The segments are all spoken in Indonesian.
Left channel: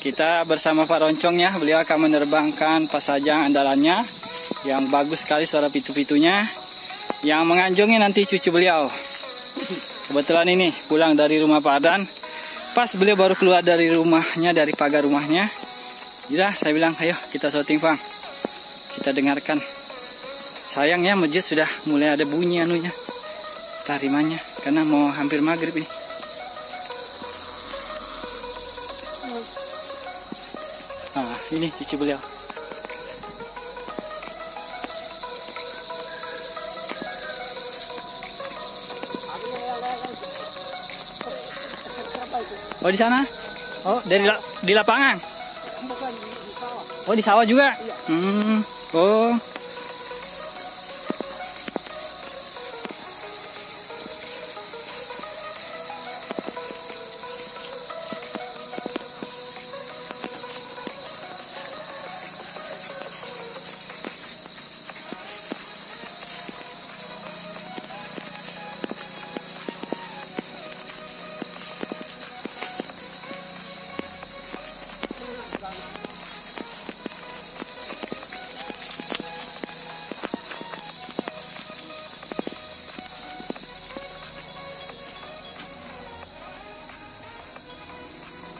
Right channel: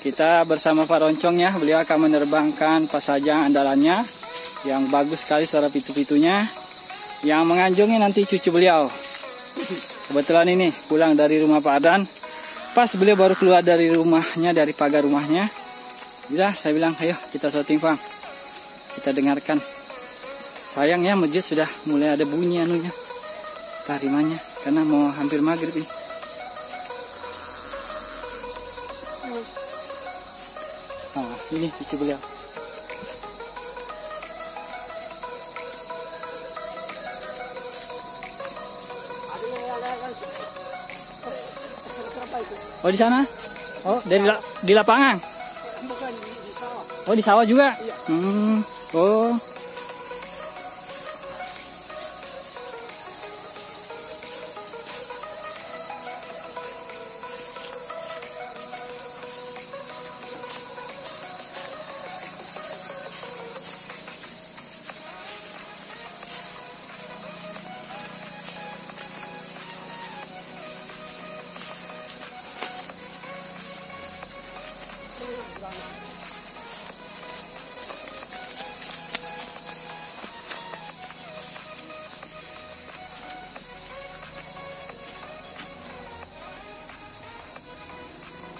Kita bersama Pak Roncong ya, beliau akan menerbangkan pasajang andalannya yang bagus sekali suara pitu-pitunya, yang menganjungi nanti cucu beliau. Kebetulan ini pulang dari rumah Pak Adan, pas beliau baru keluar dari rumahnya, dari pagar rumahnya. Ya, saya bilang, ayo kita syuting Bang, kita dengarkan. Sayangnya masjid sudah mulai ada bunyi anunya, tarimanya, karena mau hampir maghrib ini. Nah, ini cucu beliau. Oh di sana? Oh di lapangan? Oh di sawah juga? Oh.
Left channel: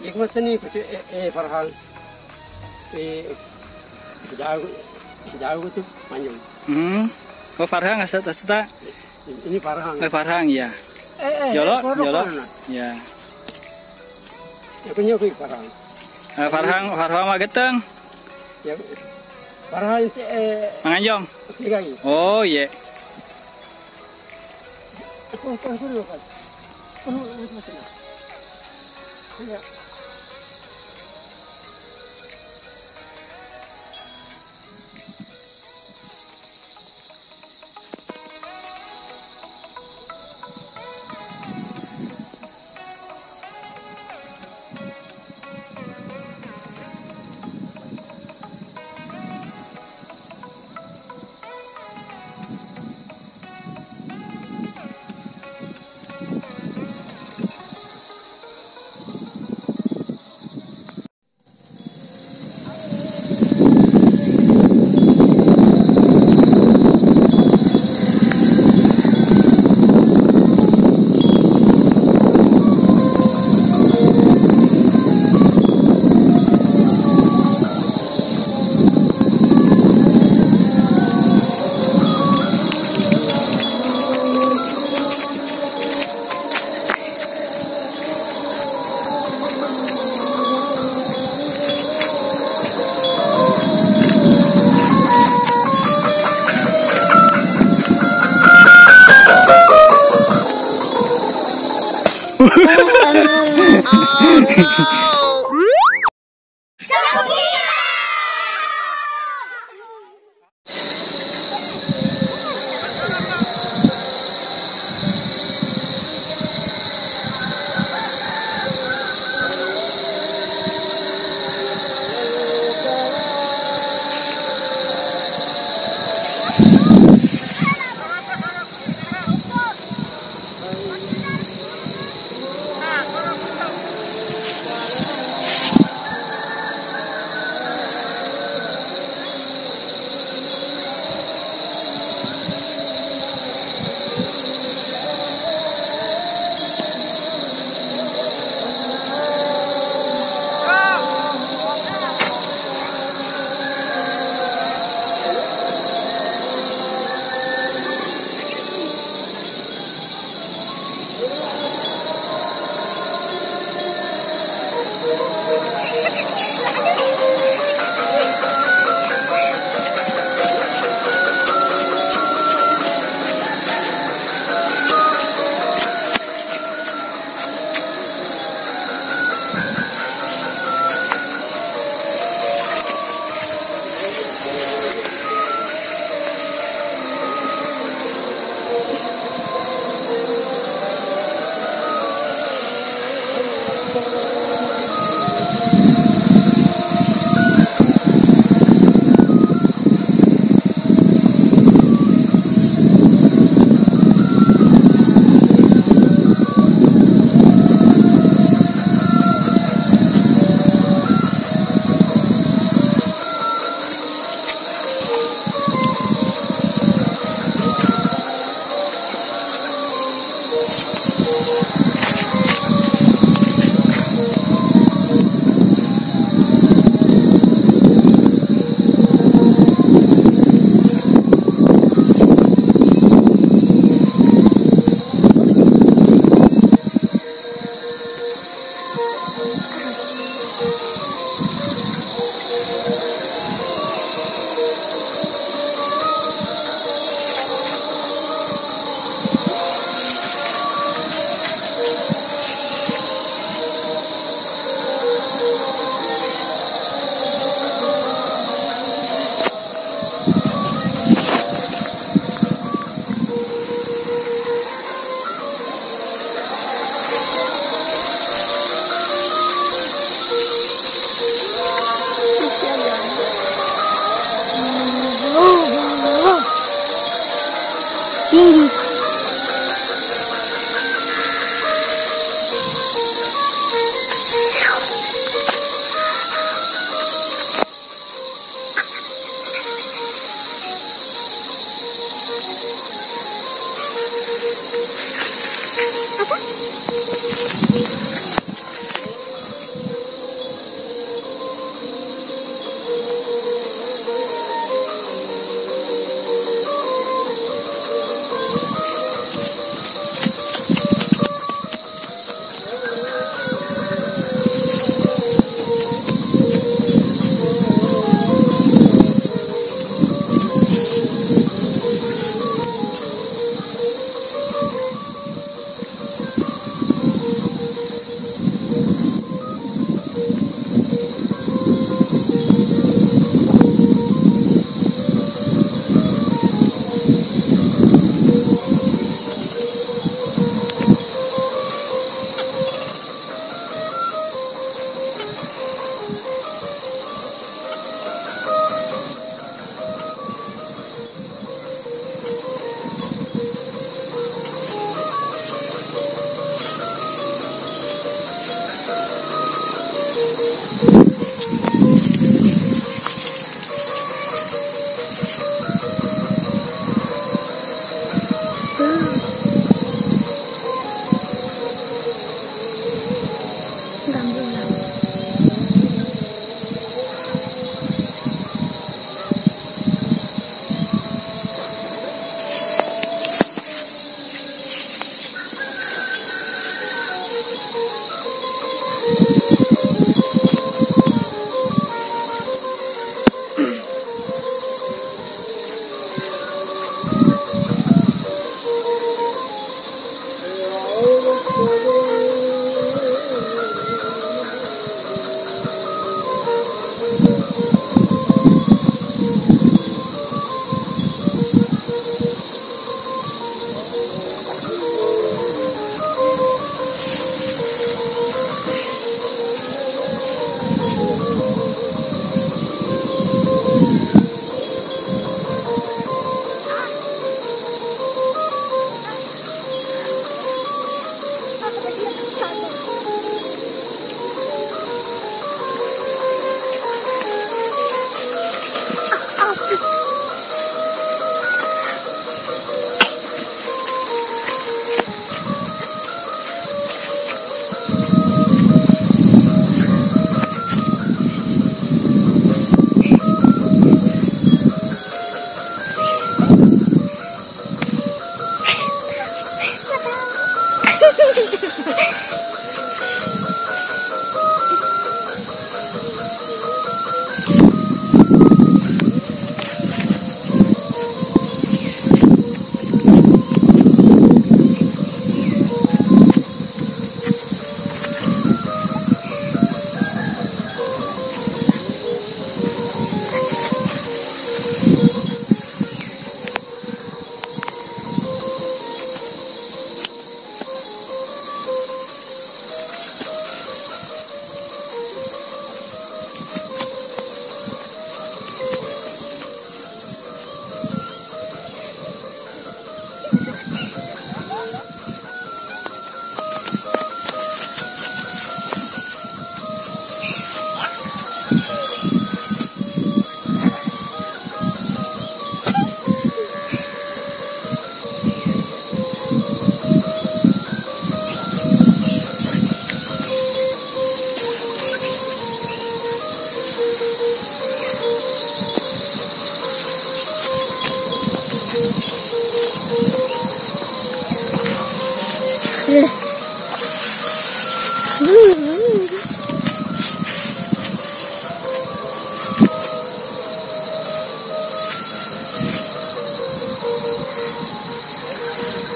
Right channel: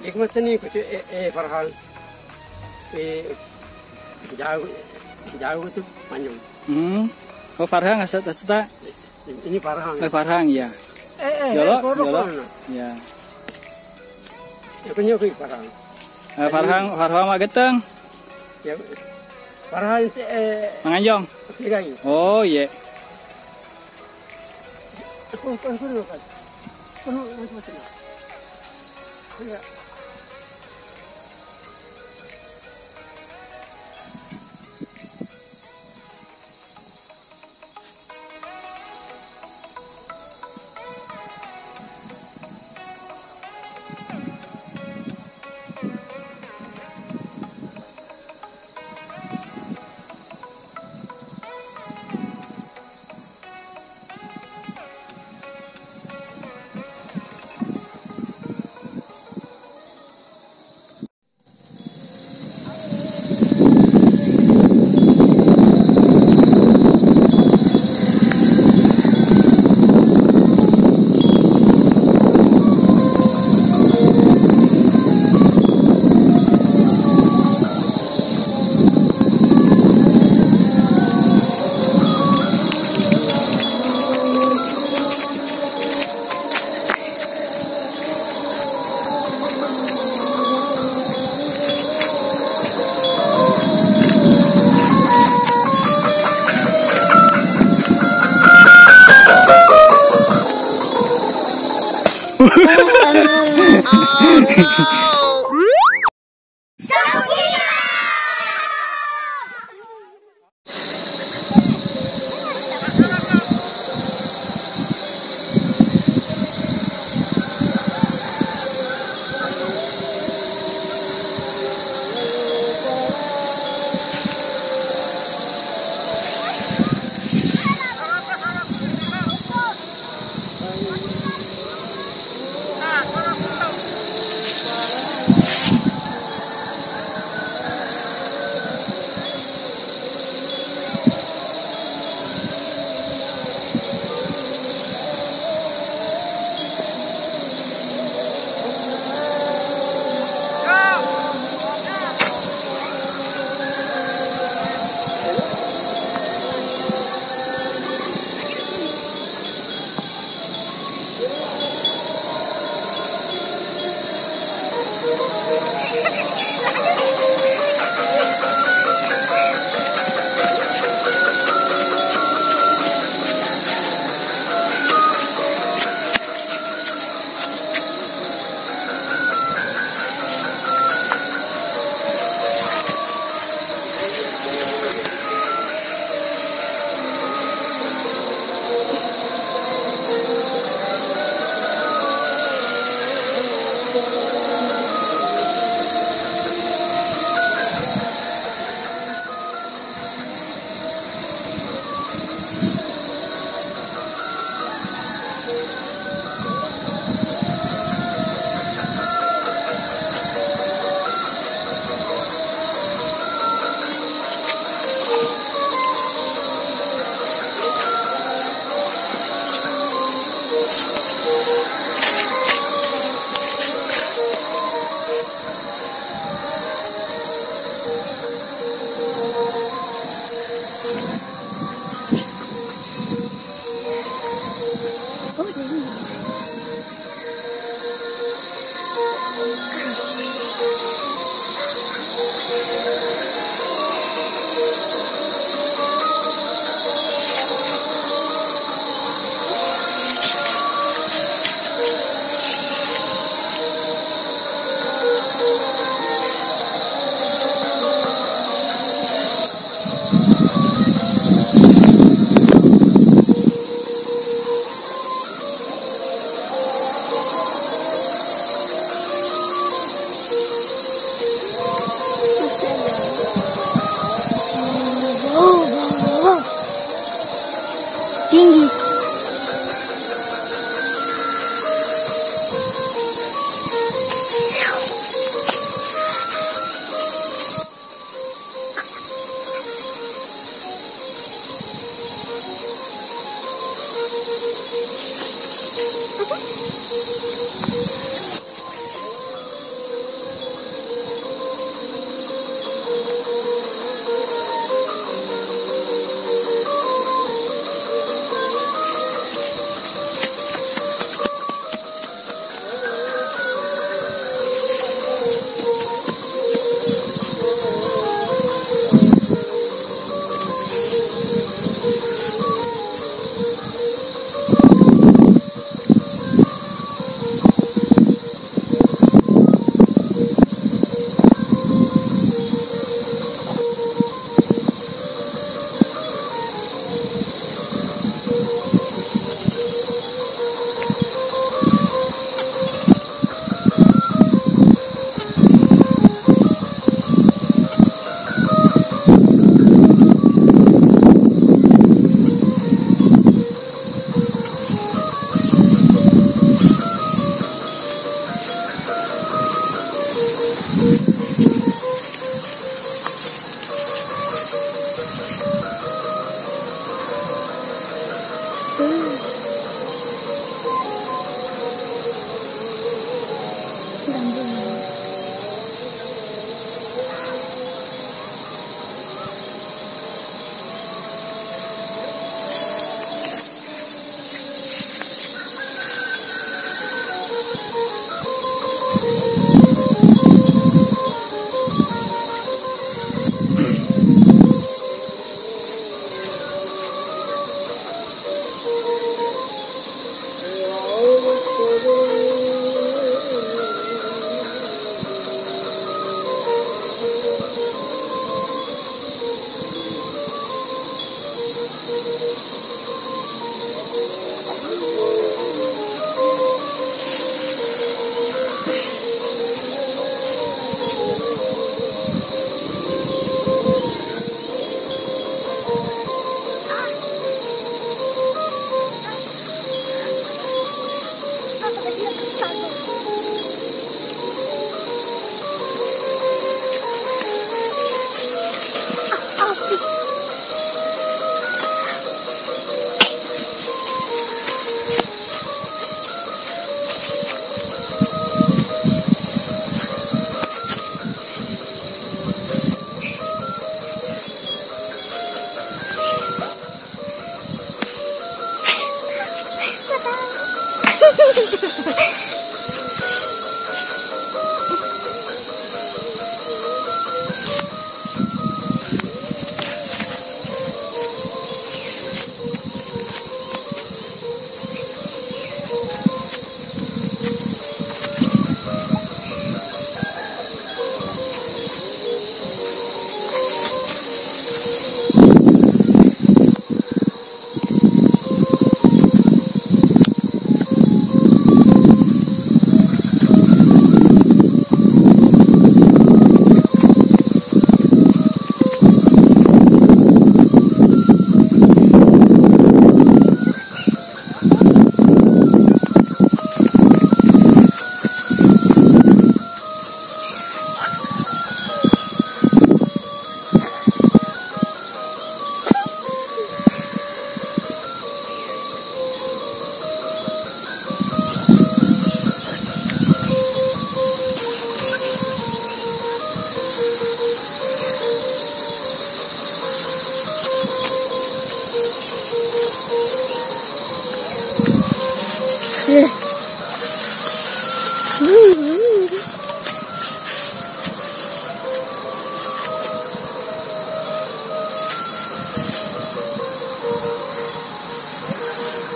Ikmatnya Farhan, jauh itu panjang. Oh Farhan nggak serta? Ini Farhan. Farhan ya. Jolo. Ya. Punya Farhan. Farhan mah geteng. Ya, Farhan Manganjong. Oh iya.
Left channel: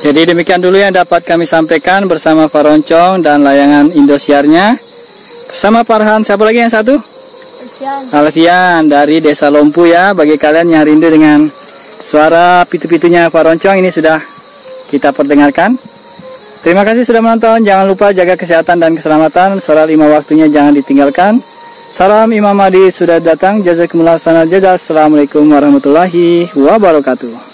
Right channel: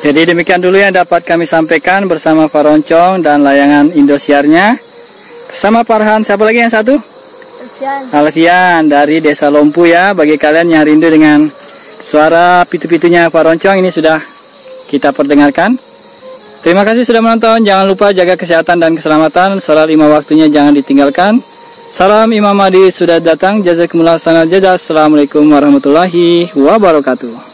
Jadi demikian dulu yang dapat kami sampaikan bersama Faroncong dan layangan Indosiarnya. Bersama Farhan, siapa lagi yang satu? Alfian dari Desa Lompu ya. Bagi kalian yang rindu dengan suara pitu-pitunya Faroncong, ini sudah kita perdengarkan. Terima kasih sudah menonton. Jangan lupa jaga kesehatan dan keselamatan. Salat 5 waktunya jangan ditinggalkan. Salam Imam Mahdi sudah datang. Jazakumullah sanal jazaa. Assalamualaikum warahmatullahi wabarakatuh.